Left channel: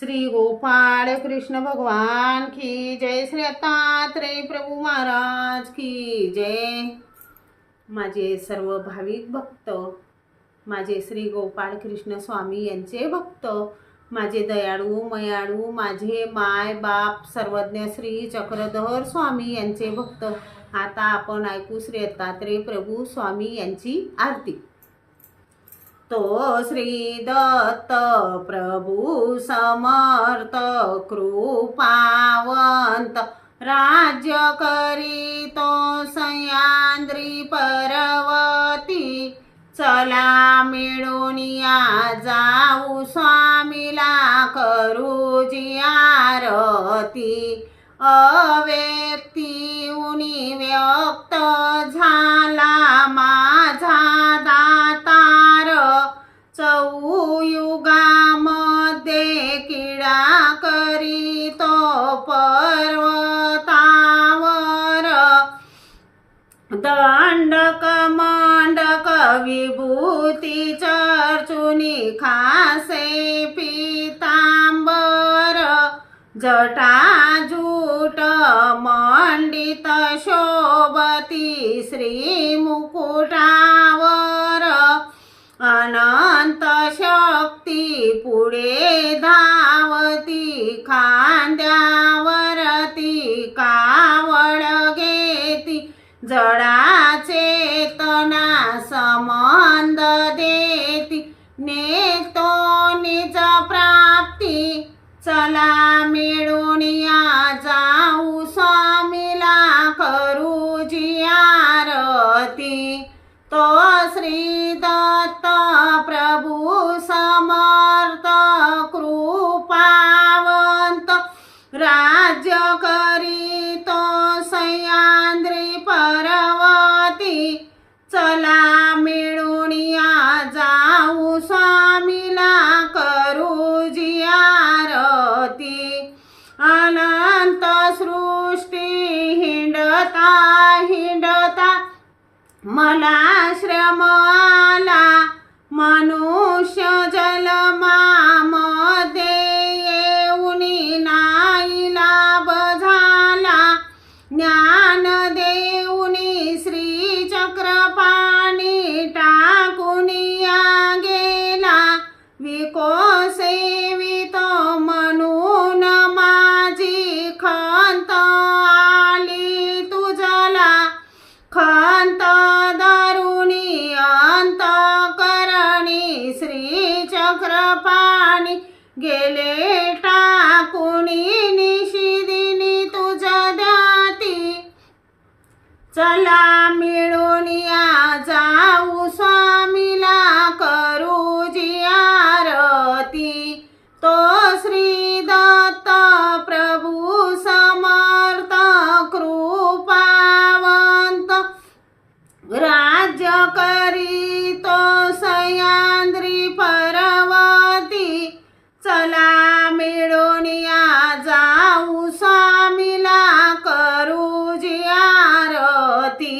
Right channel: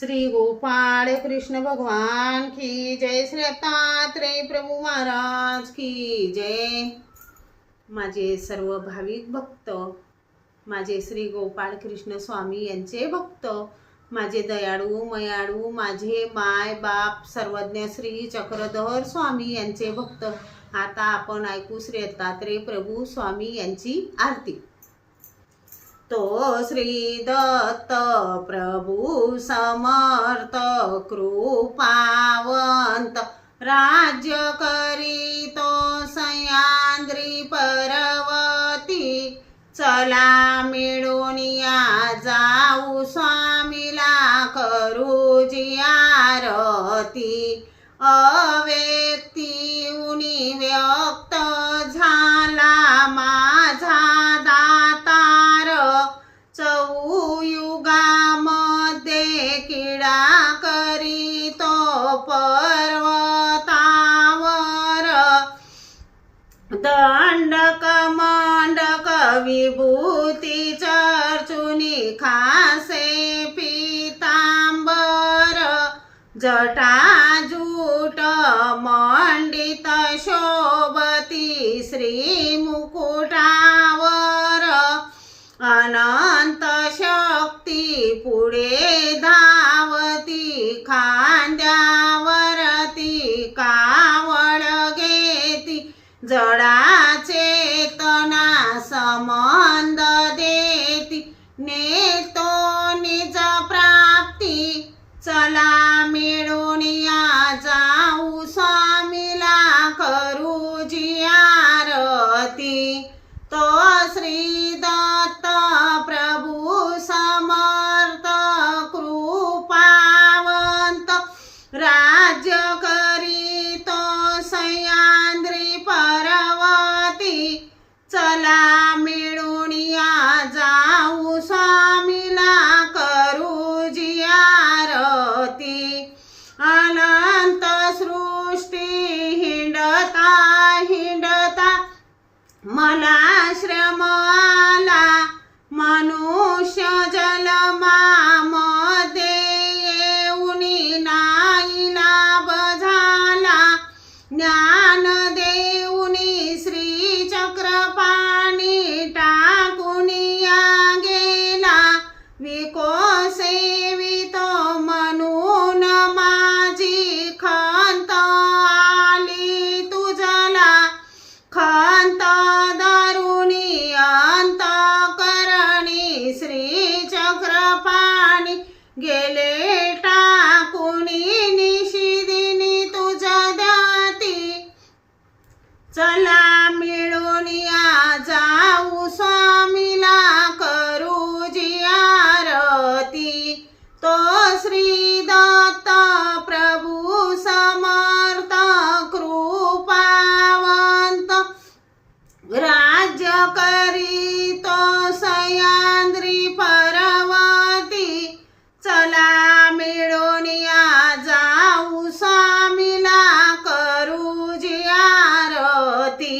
श्री गोपाळ कृष्ण भगवान की जय। श्री दत्तात्रेय प्रभू महाराज की जय। माझे सर्व भाविक भक्त, माझे श्री गोपाळ कृष्ण स्वामी यांचे भक्त, माझे दयाळू मयाळू, माझे माय बाप सर्वज्ञ श्री चक्रधर स्वामी यांचे भक्त, आता आपण ऐकू श्री दत्तात्रेय प्रभू स्वामी यांची आरती। तो श्री दत्त प्रभू समर्थ कृपावंत, राज्य करीतो सह्याद्री पर्वती। चला मिळून या जाऊ स्वामीला करू जी आरती। अव्यक्तीहुनी व्यक्त झाला माझा दातार, चौयुगामध्ये क्रीडा करीतो पर्वतावर। दंडक मंडक विभूती चर्चुनी खासे पीतांबर, जटाजूट मंडित शोभती श्री मुकुटावर। अनंत शक्ती पुढे धावती, खांद्यावरती कावड घेती। जडा चेतना संबंध देती, नेतो निज प्राप्ती। चला मिळून या जाऊ स्वामीला करू जी आरती। तो श्री दत्त प्रभू समर्थ कृपावंत, राज्य करीतो सह्याद्री पर्वती। चला मिळून या जाऊ स्वामीला करू जी आरती। अनंत सृष्टी हिंडता हिंडता मला श्रम आला, मनुष्य जन्मामध्ये येऊन नाईलाभ झाला। ज्ञान देऊन श्री चक्रपाणी टाकून या गेला। विकोसेवितो म्हणून माझी खंत आली तुझला। खंत धरुणी अंतःकरणी श्री चक्रपाणी गेले टाकून निशिदिनी तुझ ध्याती। चला मिळून या जाऊ स्वामीला करू जी आरती। तो श्री दत्त प्रभू समर्थ कृपावंत, राज्य करीतो सह्याद्री पर्वती। चला मिळून या जाऊ स्वामीला करू जी आरती।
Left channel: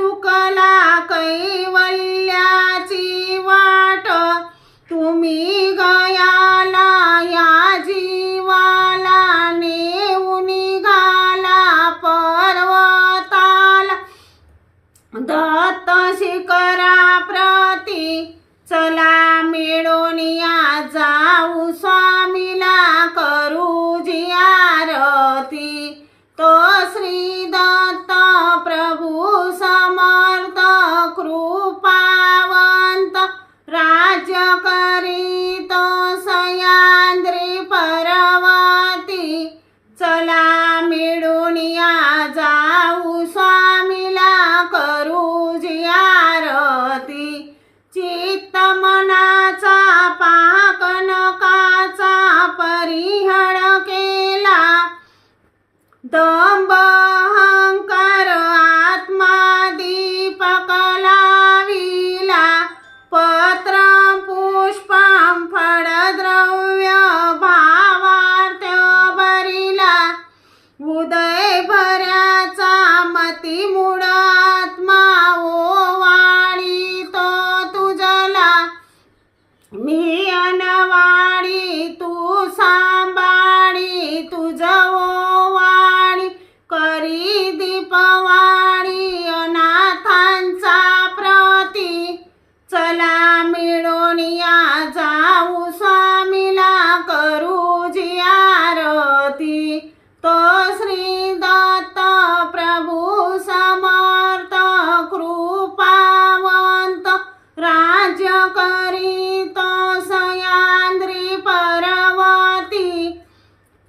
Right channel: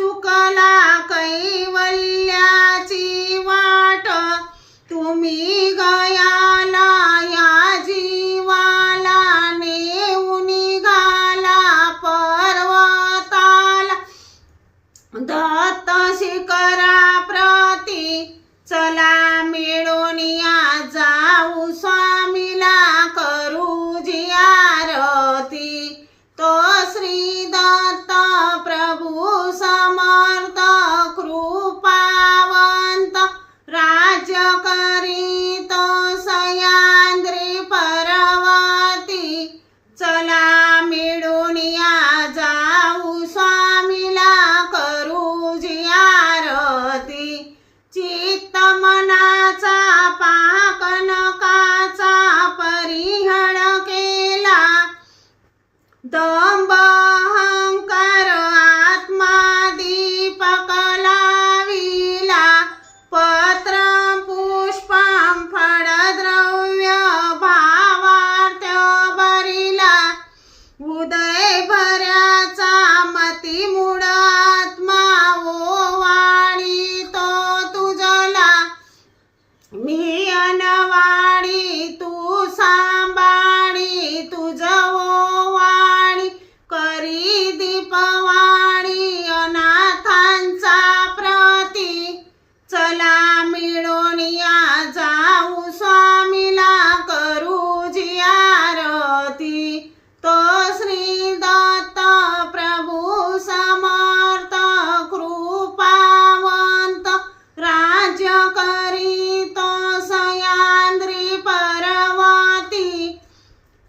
चुकला कैवल्याची वाट, तुम्ही गयाला या जीवाला नेऊन निघाला पर्वताला, दत्त शिखरा प्रती चला मिळून या जाऊ स्वामीला करू जी आरती। तो श्री दत्त प्रभू समर्थ कृपावंत, राज्य करीतो सह्याद्री पर्वती, चला मिळून या जाऊ स्वामीला करू जी आरती। चित्त मनाचा पाकनकाचा परिहर केला, दंभ अहंकार आत्मा दीपक लाविला, पत्र पुष्पं फळद्रव्य भावार्थ भरिला, उदय भऱ्याचा मती मूळ आत्मा ओवाळी तो तुझला, मी अनवाळी तू सांभाळी तुझ ओवाळी, करी दीपवाळी अनाथांचा प्रती, चला मिळून या जाऊ स्वामीला करू जी आरती। तो श्री दत्त प्रभू समर्थ कृपावंत, राज्य करीतो सह्याद्री पर्वती,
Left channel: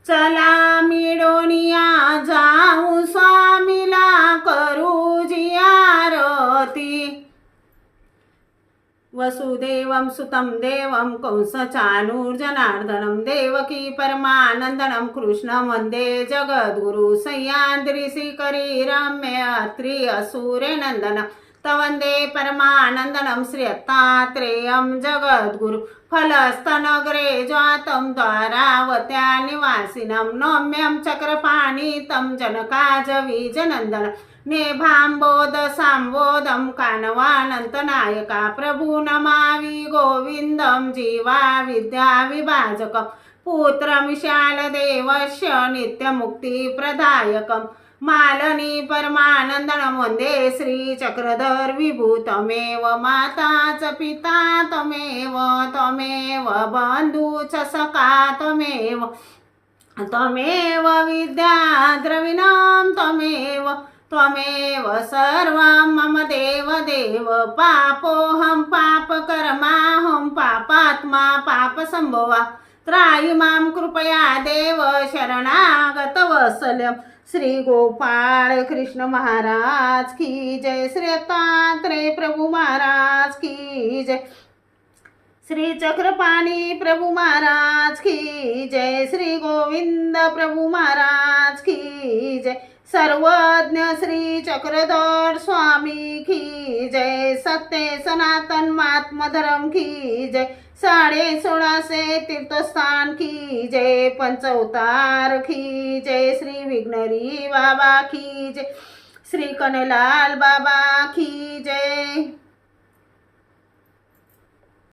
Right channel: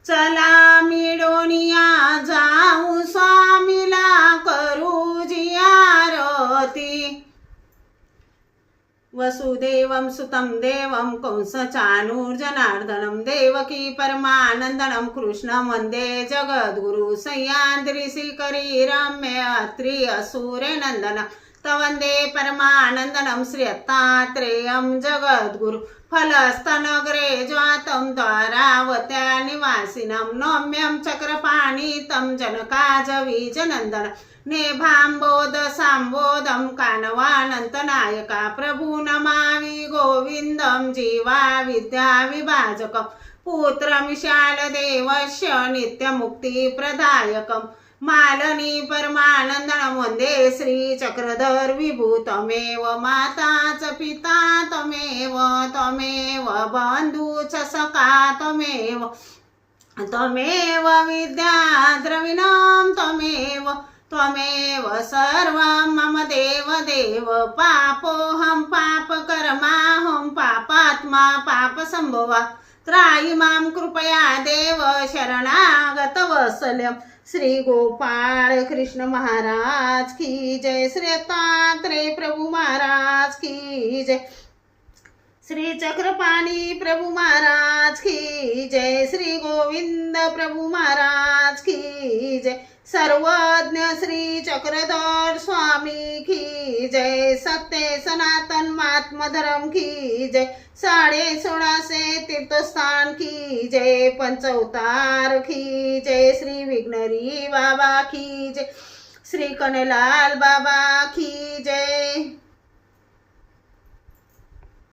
चला मिळून या जाऊ स्वामीला करू जी आरती। वसुदेवं सुतं देवं कंसचाणूरजनार्दनं, देवकी परमानन्दनं कृष्णं वन्दे जगद्गुरु, सह्याद्री शिखरी रम्य अत्रि असुरनन्दनं, तवन्दे परमानन्दनं श्री दत्तात्रेयं जगद्गुरु, फलस्तनगरे जातं द्वारावत्या निवासिनं, नौम्यं चक्रपाणितं जनकाजवीजनन्दनं, नेभाम्बोध सांबोधं कानवानन्तनायका, प्रभु नमामि गोविन्दं जीवा विद्या विभाजकं, पुत्रमिशालदेवस्य नित्यमुक्तिप्रदायकं, मालनी परमानन्दनं वन्दे श्री चक्रधर विभु, तमेव माता च पिता तमेव, तमेव बन्धु च सखा तमेव, तमेव विद्या द्रविणं तमेव, त्वमेव सर्वं मम देव देव, पापोऽहं पापकर्माहं पापात्मा पापसम्भवा, त्राहि मां कृपया देव शरणागतवत्सलं। श्री गोपाळ कृष्ण महाराज की जय, श्री दत्तात्रेय प्रभु महाराज की जय, श्री चक्रपाणी प्रभु महाराज की जय, श्री गोविंद प्रभु महाराज की जय, सर्वज्ञ श्री चक्रधर स्वामी की जय, सत्य सनातन महात्मा धर्म की जय, 16.5 तीर्थस्थान की जय, पंचअवतार की जय, श्री विघ्नहरी बाबा की जय, श्री कन्हैयालाल बाबा की जय।